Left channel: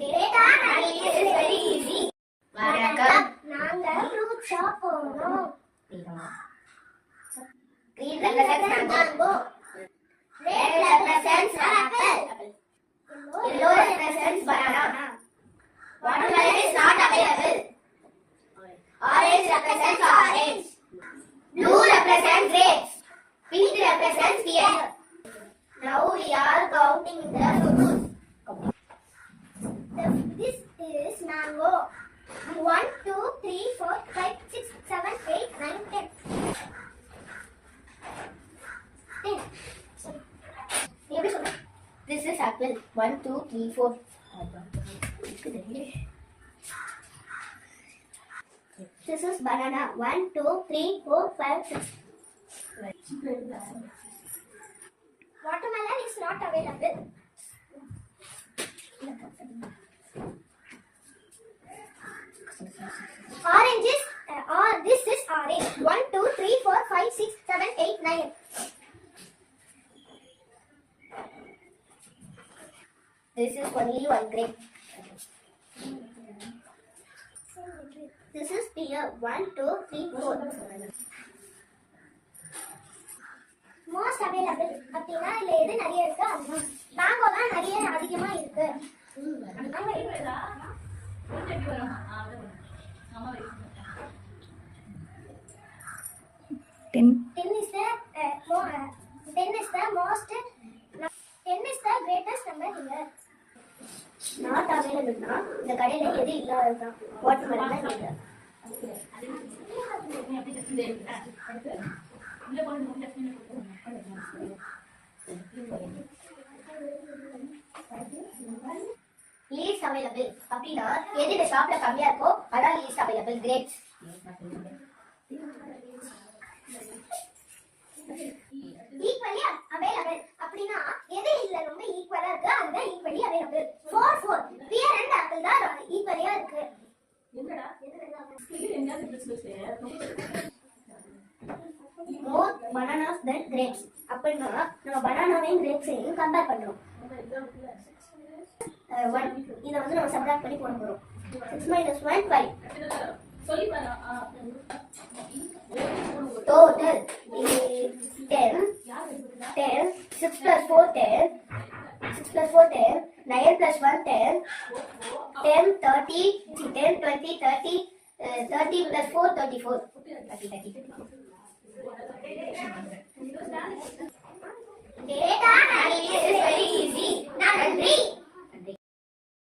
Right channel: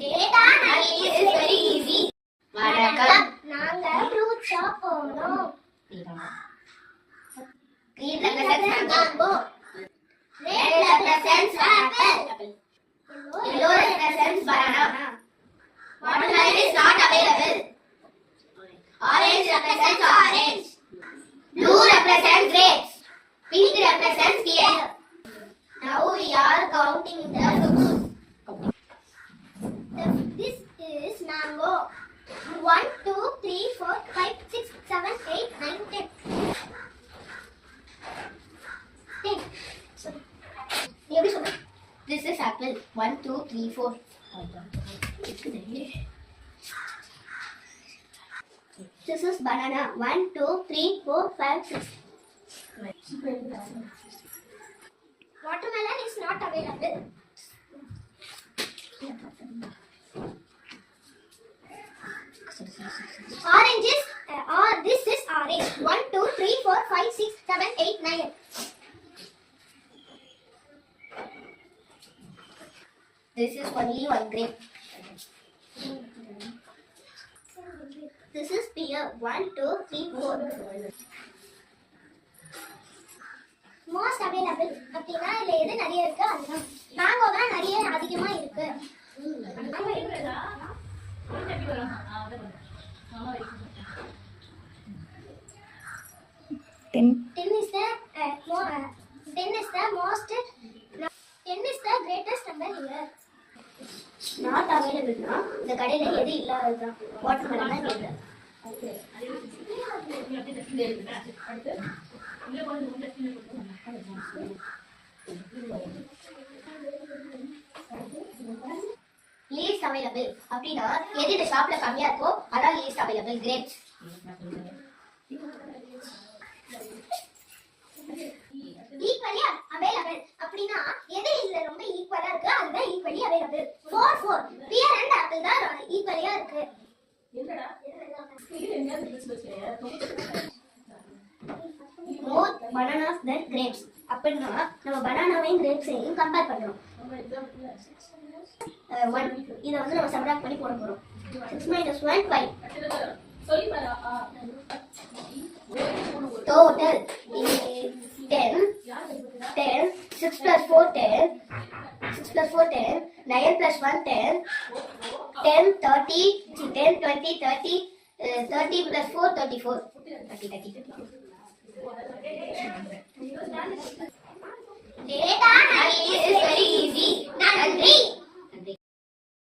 Data analysis is very easy. வணக்கம். நாங்க fruit shop போனோம். Green represents mango. Red represents apple. Yellow represents banana. Watermelon is not available. Orange represents orange. Blue represents grapes. Pink represents pear. Now we are counting the fruits. This is mango. 1, 2, 3, 4, 5, 6, 7, 8, 9, 10. 10. This is apple. 1, 2, 3, 4. This is banana. 1, 2, 3, 4, 5, 6. Watermelon is not available. Oranges, this is orange. 1, 2, 3, 4, 5, 6, 7, 8, 9. This is only one grape. This is pear. 1, 2, 3, 4. Most available. அப்படினா இதுல எது நிறைய இருக்கு அதுதான். மேங்கோ தான் நிறைய அதிகமா இருக்கு. Ten is the greatest number here. Not available na இந்த கடையில எது இல்ல அதுதான் வாட்டர்மெலன் தான் கேக்குறேன். Least available அப்படினா எது இந்த ஷாப்ல கம்மியா இருக்கோ அதான் least available grapes. Equally available அப்படினா எது இல்ல ரொம்ப ஈக்குவலா இருக்கு அதுதான் equally available. 4 4 pear and apple தான் ஈக்குவலியா இருக்கு. More bananas than grapes அப்படினா நம்ம பனானாவையும் கிரேப்ஸையும் கம்பேர் பண்றோம். இத வந்து நம்ம சப்ட்ராக்ட் பண்ணி போட போறோம். 6 minus 1 5. சொல்லி பாரு. Total is 10 6 plus 4 10 9 plus 1 10 10 30 10 20 30 30 plus 4 34 30 Data analysis is very easy. Nandri.